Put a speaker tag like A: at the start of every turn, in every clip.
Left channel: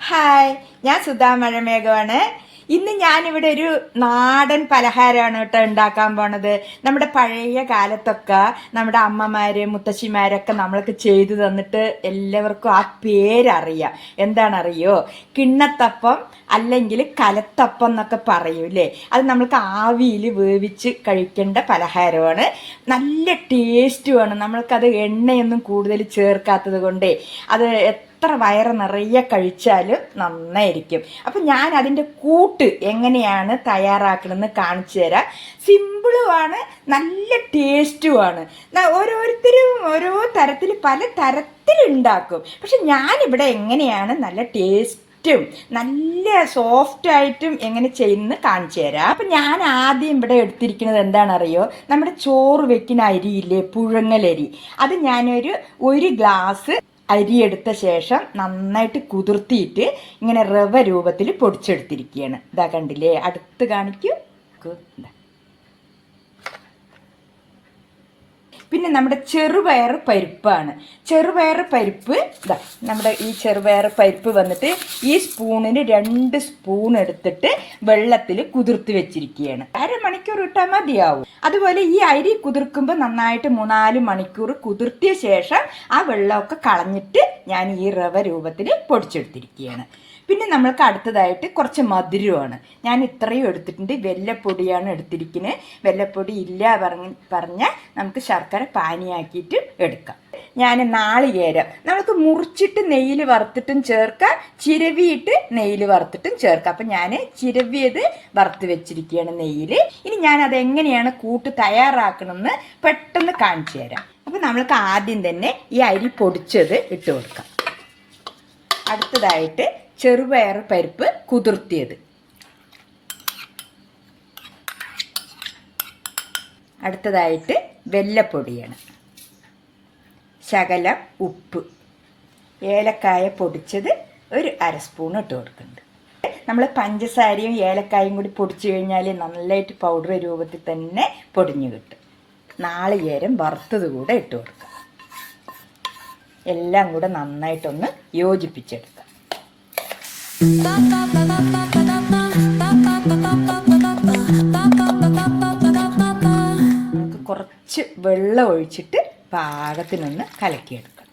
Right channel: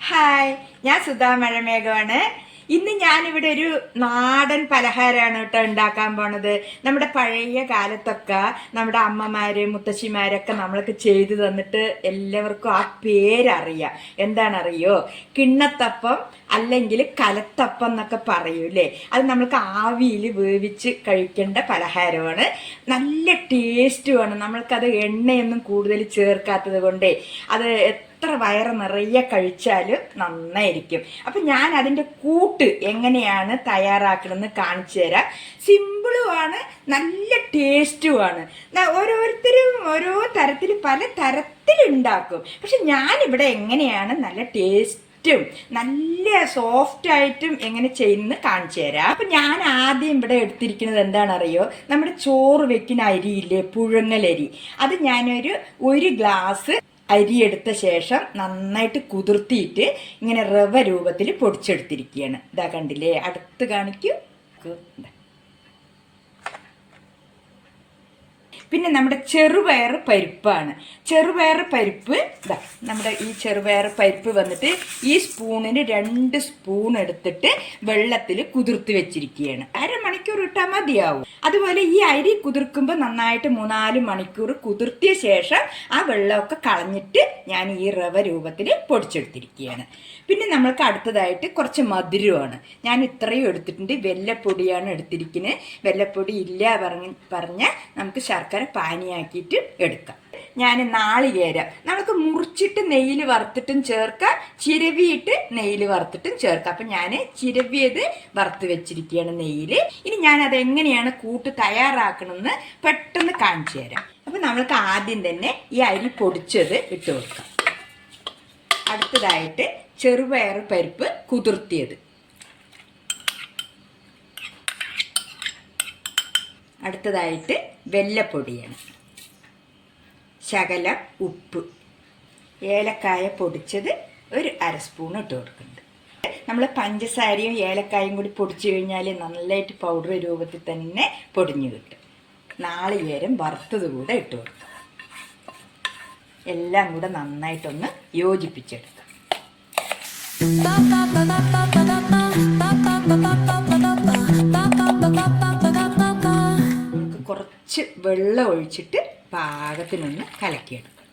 A: Hi ഞാൻ സുധാ മഴമേഘമാണ് ഇന്ന് ഞാനിവിടെ ഒരു നാടൻ പലഹാരമാണ് കേട്ടോ ഉണ്ടാക്കാൻ പോണത്. നമ്മുടെ പഴയ കാലത്തൊക്കെ നമ്മുടെ അമ്മമാര് മുത്തശ്ശിമാരൊക്കെ നമ്മൾക്ക് ചെയ്തു തന്നിട്ട് എല്ലാവർക്കും ആ പേരറിയാം. എന്താണറിയോ? കിണ്ണത്തപ്പം അല്ലെങ്കിൽ കലത്തപ്പം എന്നൊക്കെ പറയൂലേ അത് നമ്മൾക്ക് ആവിയിൽ വേവിച്ച് കഴിക്കേണ്ട പലഹാരമാണ്. നല്ല ടേസ്റ്റുമാണ് നമ്മൾക്കത് എണ്ണയൊന്നും കൂടുതൽ ചേർക്കാത്തത് കൊണ്ടേ. അത് എത്ര വയറ് നിറയെ കഴിച്ചാലും നന്നായിരിക്കും. അപ്പം ഞാൻ അതിന്റെ കൂട്ട് എങ്ങനെയാണ് തയ്യാറാക്കണമെന്ന് കാണിച്ചു തരാം. സിമ്പിളുമാണ് നല്ല ടേസ്റ്റുമാണ് ആണ്. ഓരോരുത്തരും ഓരോ തരത്തിൽ പല തരത്തിലുണ്ടാക്കും. പക്ഷെ ഞാനിവിടെ എങ്ങനെയാണ് നല്ല ടേസ്റ്റ് ും നല്ല സോഫ്റ്റ് ആയിട്ടും എങ്ങനെ ചെയ്യുന്നത് കാണിച്ചു തരാം. അപ്പൊ ഞാൻ ആദ്യം ഇവിടെ എടുത്തിരിക്കുന്നത് എന്താണെന്നറിയോ? നമ്മുടെ ചോറ് വെക്കുന്ന അരിയില്ലേ പുഴങ്ങലരി. അത് ഞാനൊരു ഒരു ഗ്ലാസ് അരി എടുത്ത ശേഷം നന്നായിട്ട് കുതിർത്തിയിട്ട് ഇങ്ങനെ റവ രൂപത്തിൽ പൊടിച്ചെടുത്തിരിക്കുകയാണ്. ഇതാ കണ്ടില്ലേ? അടുത്ത് കാണിക്കൂ. പിന്നെ നമ്മുടെ ചെറുപയർ പരിപ്പാണ്. ചെറുപയർ പരിപ്പ് ഇതാ നമ്മുടെ ഈ ചെറുപയർ പരിപ്പ് വന്നിട്ട് ഈ സ്പൂണിന് രണ്ട് സ്പൂൺ എടുത്തിട്ട് വെള്ളത്തിൽ കുതിർത്ത് വെച്ചിരിക്കുകയാണ്. അരമണിക്കൂർ ഇട്ടാൽ മതിയാവും. അതുപോലെ ഈ അരി കുതിർക്കുമ്പോൾ നന്നായിട്ട് മൂന്നാൽ മണിക്കൂർ കുതിർത്തിയ ശേഷം ആ വെള്ളമൊക്കെ കളഞ്ഞിട്ട് ഞാൻ ഈ റവ രൂപത്തിൽ പൊടിച്ചെടുത്തിരിക്കുകയാണ്. പിന്നെ നമ്മൾക്ക് അടുത്തതായിട്ട് കുറച്ച് മധുരമാണ്. ഞാൻ ഇത്രയും എടുത്തിട്ടുണ്ട്. വെല്ലപ്പൊടിയാണ് എടുത്തിരിക്കുന്നത്. വെല്ലപ്പൊടി ഇല്ല പറഞ്ഞ നമുക്ക് ശർക്കര പാനിയാക്കിയിട്ട് എടുക്കാം. ഞാൻ നാളികേരം നമുക്ക് മുറിച്ചിട്ട് നെയ്യിൽ വറുത്തിട്ടും ചേർക്കാം. ചിരവിയിട്ട് നെയ്യിൽ വറുത്തിട്ടും ചേർക്കാം. അപ്പം ഞാൻ ചിരവിയത് വറുത്ത് വെച്ചിരിക്കുകയാണ് നെയ്യിൽ. ഇനി ഞാൻ അത് എങ്ങനെയാണ് കൂട്ട് തയ്യാറാക്കണമെന്ന് പെട്ടെന്ന് കാണിച്ചു തരാം. അപ്പം നമ്മൾക്ക് ആദ്യം തന്നെ ഈ അരി പൊടിച്ചത് ഇട്ട് കൊടുക്കാം. അടുത്തതായിട്ട് ചെറുപയർ പരിപ്പ് കുതിർത്തിയത്. അടുത്തതായിട്ട് വെല്ലപ്പൊടിയാണ്. ശകലം ഉപ്പ്. ഏലക്കായ പൊടിച്ചത് ഒരു അര സ്പൂൺ ഇട്ട് കൊടുക്കുന്നുണ്ട്. നമ്മൾ പഞ്ചസാരയും ഏലക്കായും കൂടി പൊടിച്ചു കഴിഞ്ഞാൽ നന്നായിട്ട് പൗഡർ രൂപത്തിൽ തന്നെ പൊടിഞ്ഞു കിട്ടും. നാളികേരം വറുത്തത് കൂടെ ഇട്ട് കൊടുക്കും. എല്ലാം കൂടെ നന്നായിട്ടൊന്ന് യോജിപ്പിച്ചെടുക്കാം. കുറച്ച് വെള്ളം ഒഴിച്ചിട്ട് പാകത്തിനൊന്ന്
B: കലക്കിയെടുക്കണം.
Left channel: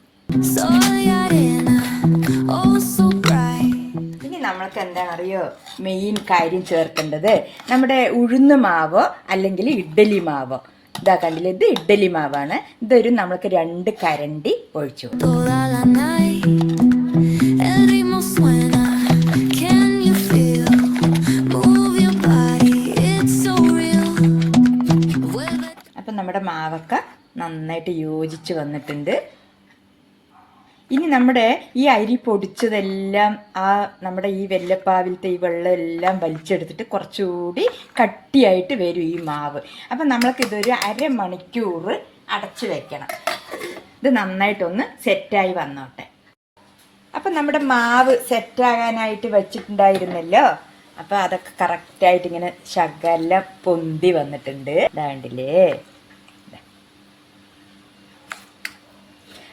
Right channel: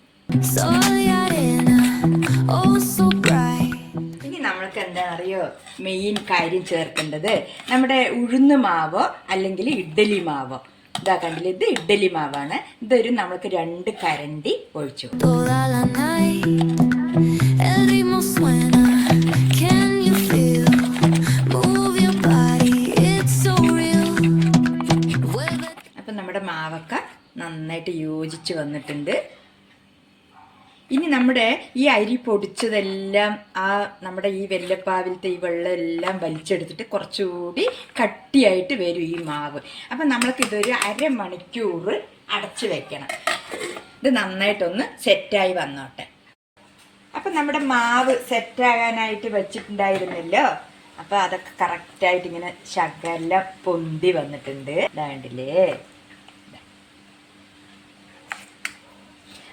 A: ഇനി നമ്മൾക്ക് എന്താ അറിയോ? മെയിൻ കാര്യം ചേർക്കേണ്ടത് നമ്മുടെ ഉഴുന്ന മാവോ അല്ലെങ്കിൽ ഇഡ്ഡലി മാവോ? ഇതാ കണ്ടില്ല? ഇത് ഇഡ്ഡലി മാവാണ്. ഇതൊരു നമ്മൾക്ക് രണ്ട് കരണ്ടി ഒഴിച്ചു കൊടുക്കും. നമ്മുടെ മാവൊക്കെ നന്നായിട്ട് യോജിച്ച് വന്നിട്ടുണ്ട്. ഇനി നമ്മുടെ ഈ അരി പൊടിച്ചതെല്ലാം ആ നമ്മുടെ ഈ വെല്ലപ്പാവിലത്തെ ഈ വെള്ളം എല്ലാം വലിച്ചെടുത്തിട്ട് കുറച്ചുകൂടി കട്ടിയായിട്ട് വരും ഈ മാവ്. അപ്പം നമ്മൾക്ക് ഇതൊരു അരമണിക്കൂർ അടച്ചു വെക്കണം. ഇത് നന്നായിട്ടൊന്ന് സെറ്റായി വന്നോട്ടെ. അപ്പം നമ്മുടെ മാവ് സെറ്റാകാനായിട്ട് വെച്ചിട്ടുണ്ടായിരുന്നല്ലോ? അപ്പം അതൊക്കെ കറക്റ്റായിട്ട് ഇങ്ങനെ ശകലം പൊന്തി വന്നിട്ടുണ്ട്. ഇതാണ്ടില്ലേ?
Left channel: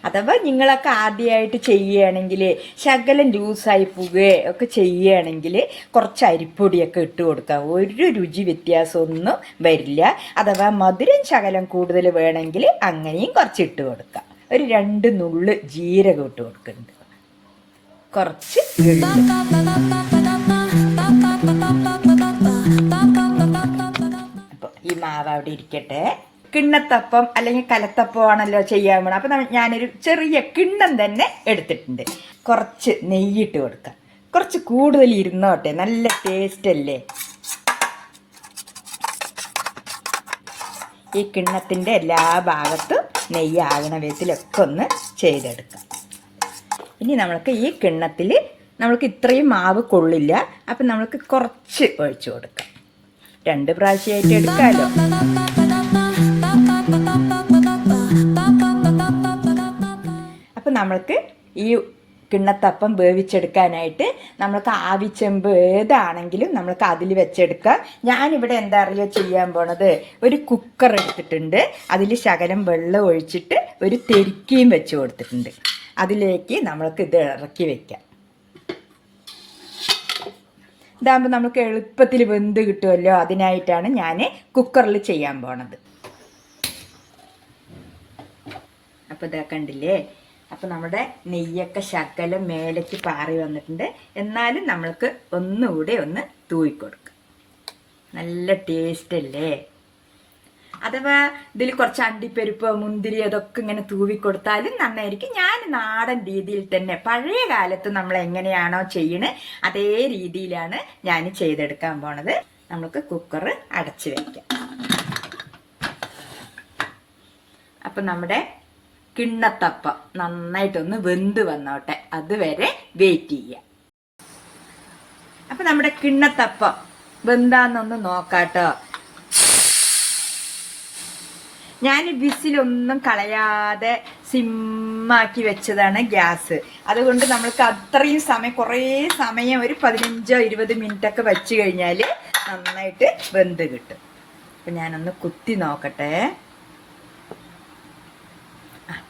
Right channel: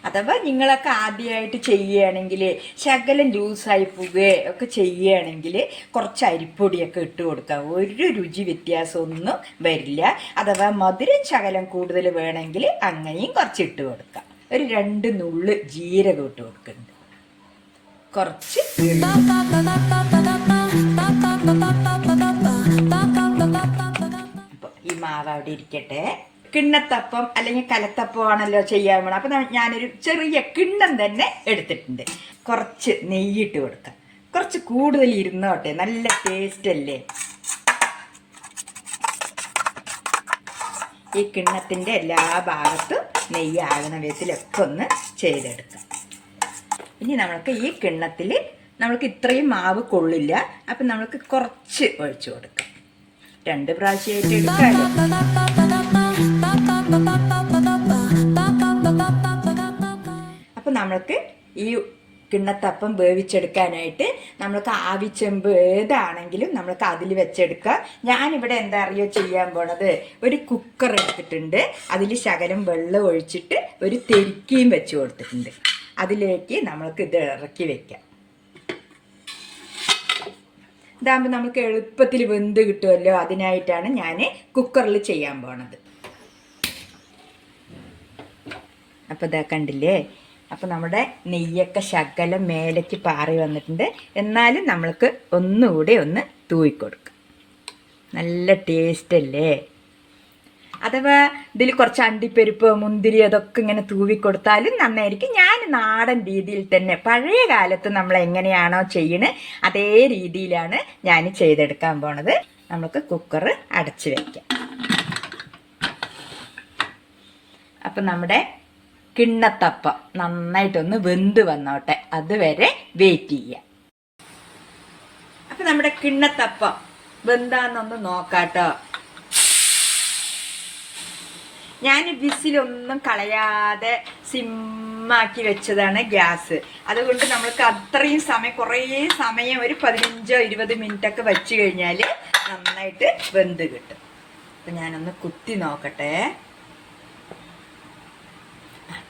A: അഥവാ നിങ്ങളൊക്കെ ആദ്യമായിട്ട് ചെയ്യുകയാണെങ്കിൽ ശകലം ലൂസായി പോവുകയോ ഒക്കെ ചെയ്യുകയാണെങ്കിൽ കുറച്ച് അരിപ്പൊടിയൊക്കെ ഇട്ട് കൊടുക്കുക. ഒരു രുചി വ്യത്യാസമൊന്നും വരില്ല. അഥവാ മധുരം ശകലം കൂടുതൽ വേണമെങ്കിൽ അങ്ങനെയും കുറച്ച് ഇട്ട് കൊടുക്കുക. ഒരു രണ്ട് നുള്ള് ജീരകം ഇട്ട് കൊടുക്കുന്നുണ്ട്. കുറച്ച് ഈ മാവ് അവിടെ ഇരിക്കട്ടെ. കിണ്ണത്തപ്പം അല്ലെങ്കിൽ കലത്തപ്പം ആണല്ലോ ചെയ്യാൻ വേണം. അപ്പം ഞാനൊരു ചെറിയ കിണ്ണം തന്നെ എടുത്തിട്ടുണ്ട്. കുറച്ച് നെയ്യിട്ട് കൊടുക്കാം. കുറച്ച് കൂടുതൽ ഇരുന്നോട്ടെ. നല്ല ടേസ്റ്റ് അല്ലേ? ഈ കിണ്ണത്തിന്റെ എല്ലാ ഭാഗത്തും നെയ്യാകണ വിധത്തിലൊക്കെ ഒന്ന് ചെയ്തെടുക്കാം. ഇനി നമ്മൾക്ക് ഈ കിണ്ണത്തിൽ നമ്മൾക്ക് ഇത്രയും മാവ് കൊള്ളില്ല. അപ്പം നമ്മൾക്ക് കുറച്ച് ഒഴിച്ചു കൊടുക്കാം. രണ്ട് പ്രാവശ്യമായിട്ട് എടുക്കാമല്ലോ അപ്പം നമ്മൾക്ക് ഈ കിണ്ണത്തപ്പം വേവിച്ചെടുക്കാനായിട്ട് നമ്മൾക്ക് ആവിച്ചെമ്പ് ഏതാണെങ്കിലും നമ്മൾക്ക് അതിൽ വെച്ചെടുക്കാം ഞാനിവിടെ എന്താ അറിയോ ചെയ്യാൻ പോണത്? ഒരു കുക്കർ എടുത്തിട്ടുണ്ട്. അതിൽ ശകലം വെള്ളം ഒഴിച്ചിട്ട് ഒരു തെരിക്കയും വെച്ച് കൊടുത്തിട്ടുണ്ട്. അതിലേക്ക് നമ്മൾക്ക് ഇത് ഇറക്കി വെക്കാം. ഇതാകുമ്പോൾ നമുക്ക് എളുപ്പത്തിൽ വെന്ത് കിട്ടുമല്ലോ? അതിനായിട്ടാണ് ഞാൻ കുക്കറിൽ ചെയ്യാൻ പോണത്. അപ്പോൾ ഇതാ കണ്ടില്ലേ? അപ്പോൾ നമ്മുടെ നെയ്യൊക്കെ ശകലം മേലേക്ക് പാറി വന്നിട്ടുണ്ട്. എന്നാലും നമ്മൾക്ക് ഒന്നുകൂടെ ഒന്ന് തൂയിക്കൊടുക്കും. നല്ല ടേസ്റ്റ് അല്ലേ? അഥവാ ഇതിൽ കുറച്ച് അണ്ടിപ്പരിപ്പ് മുന്തിരി അതൊക്കെ ഇങ്ങനെ തൂവി കൊടുത്താലും നന്നായിരിക്കും. ഞാൻ നാടൻ രീതിയിൽ തന്നെ പഴയ കാലത്ത് നമ്മൾ എങ്ങനെയാണോ ചെയ്യണ് അതേ രീതിയിലാണ് ഞാൻ ചെയ്തെടുക്കാൻ പോണത്. നമുക്ക് കുക്കർ അടച്ചു വയ്ക്കാം അപ്പം നമ്മുടെ കിണ്ണത്തപ്പം നന്നായിട്ടൊന്ന് വെന്ത് വന്നോട്ടെ. അതുവരെ വെയിറ്റ് ചെയ്യുക അപ്പം നമ്മുടെ കിണ്ണത്തപ്പം വെന്താന്നൊന്ന് നോക്കാട്ടോ. ഞാൻ വിസിലൊന്നും കളയാതെ സിമ്മാക്കി വെച്ചതാണ് ഗ്യാസ്. അതുകൊണ്ട് നമ്മൾക്ക് അത്രയും സമയം കുറേ സമയം ഒരു പതിനഞ്ചോ ഇരുപത് മിനിറ്റ് ഒക്കെ വെച്ച് കഴിഞ്ഞാൽ നന്നായിട്ട് വെന്ത് കിട്ടും. അപ്പം ഞാനൊന്ന് കുത്തി നോക്കട്ടെ.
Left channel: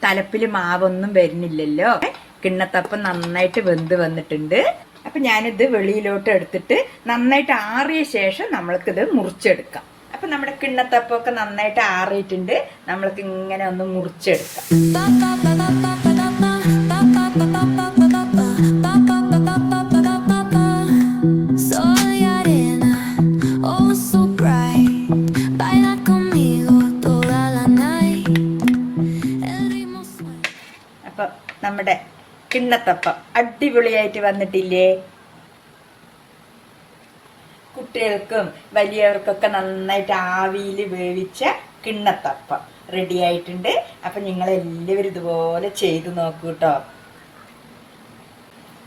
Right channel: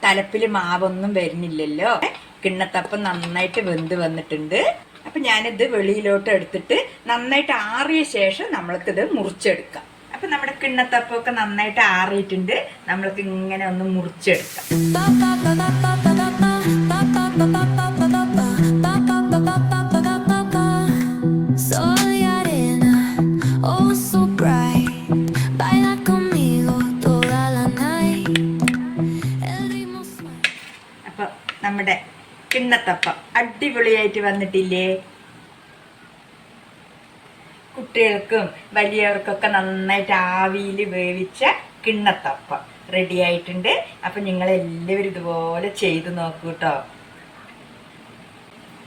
A: തലപ്പിൽ മാവൊന്നും വരുന്നില്ലല്ലോ. കിണ്ണത്തപ്പം നന്നായിട്ട് വെന്ത് വന്നിട്ടുണ്ട്. അപ്പം ഞാനിത് വെളിയിലോട്ട് എടുത്തിട്ട് നന്നായിട്ട് ആറിയ ശേഷം നമ്മൾക്കിത് മുറിച്ചെടുക്കാം. അപ്പം നമ്മുടെ കിണ്ണത്തപ്പമൊക്കെ നന്നായിട്ട് ആറിയിട്ടുണ്ട്. നമ്മൾക്ക് ഇങ്ങനെ ഒന്ന് മുറിച്ചെടുക്കാം. നമ്മുടെ കിണ്ണത്തപ്പം. അടിപൊളിയായിട്ട് വന്നിട്ടില്ലേ? കുട്ടികൾക്കും വലിയവർക്കൊക്കെ നന്നായിട്ട് ആവിയിൽ വേവിച്ച കിണ്ണത്തപ്പം റെഡി ആയിട്ടുണ്ട്. അപ്പം നിങ്ങൾ എല്ലാവരും ഇതുപോലെ ചെയ്ത് നോക്കൂ കേട്ടോ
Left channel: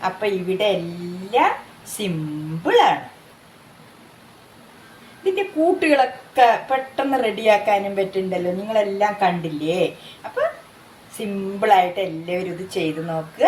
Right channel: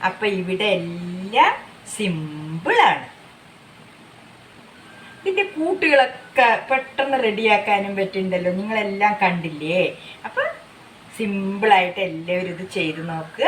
A: അപ്പം ഇവിടെ എല്ലാം സിമ്പിളാണ് ഇതിന്റെ കൂട്ടുകളൊക്കെ പെട്ടെന്ന് റെഡിയാക്കാനും പറ്റുന്നുണ്ടല്ലോ. നിങ്ങളെല്ലാം കണ്ടില്ലേ? അപ്പൊ സിമ്പിളായിട്ട് എല്ലാവരും ഇത് ചെയ്ത് നോക്കുക